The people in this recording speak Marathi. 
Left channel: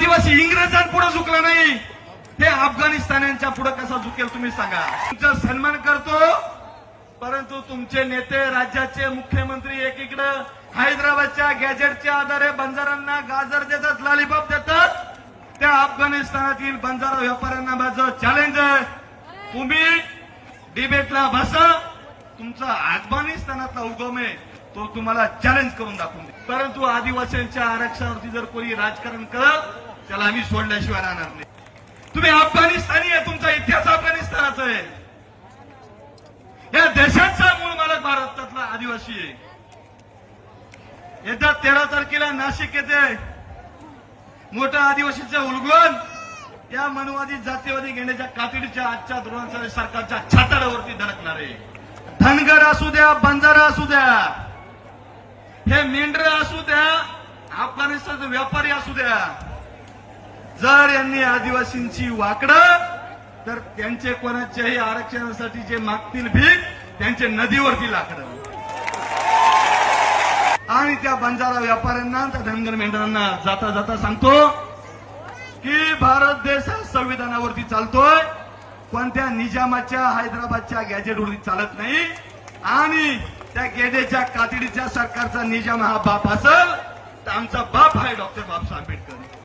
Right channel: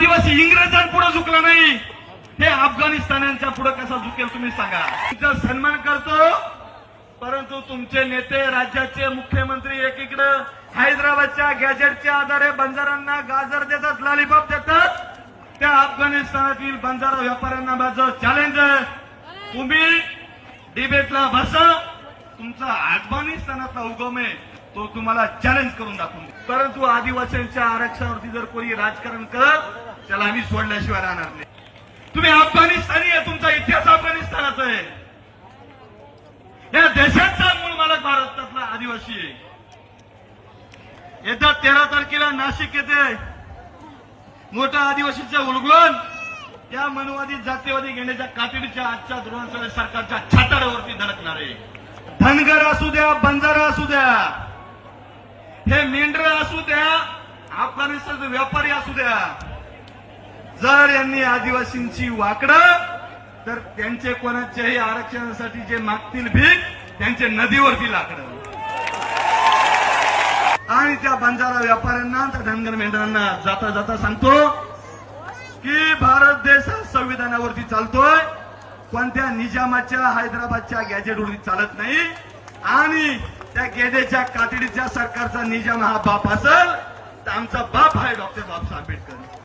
आदिवासी इंग्रजांपुढे झुकलं नाही. ते अफगाणिस्तानांच्या पुढे कसा झुकेल तुम्ही सांगा. तुमचा सन्मान करतो परंतु तुमचे नेते राज्याचे मुख्यमंत्री एकीकडे हैदराबादच्या गॅजेटच्या आधारे बंजारांना गाजर देतात लॉलीपॉप देतात. त्या अफगाणिस्तानातील बंजारा व्यापाऱ्यांना माझं चॅलेंज आहे. तुम्ही डिबेटला बसा. तुमचा अफगाणिस्तानातला उगम आहे तो तुम्हाला चॅलेंज करून दाखवून परंतु आदिवासींच्या आरक्षणावरती जर कोणी राजकारण करत त्याला आम्ही सोडल्याशिवाय राहणार नाही. तुम्ही अफगाणिस्तानी आहे तुमचा इतिहास अफगाणिस्तानाचा आहे. या देशाचा मूळ मालक भारतातला आदिवासी आहे. येत्या तेरा तारखेला नाशिक येथे मोठा आदिवासीचं उलगडून या मनवादी जातीवादी घेण्याच्या कातडीच्या आजच्या धोरणाच्या सरकारच्या छाताडावरती धडकणार आहे. धनगर असू द्या बंजारा असू द्या हे मेंढर असू द्या अफगाणिस्तानचे व्यापारी असू द्या जर यांनी आदिवासींची वाकडं तर त्यांचे कोणाच्याही आरक्षणासाठी जे मागतील भीक त्यांचे नदीवरती लाकडं. आणि त्या बंजारा व्यापाऱ्यांना त्या धनगर मेंढरांना जाता जाता सांगतो की भारत देश हा संविधानावरती चालतोय. कोणत्या निजामाच्या हैदराबादच्या गॅजेटवरती चालत नाही. आणि त्या गॅजेटच्या कातडीच्या सरकारचा निजाम हा बाप असेल तर आमचा बाप आहे डॉक्टर बाबासाहेब आंबेडकर.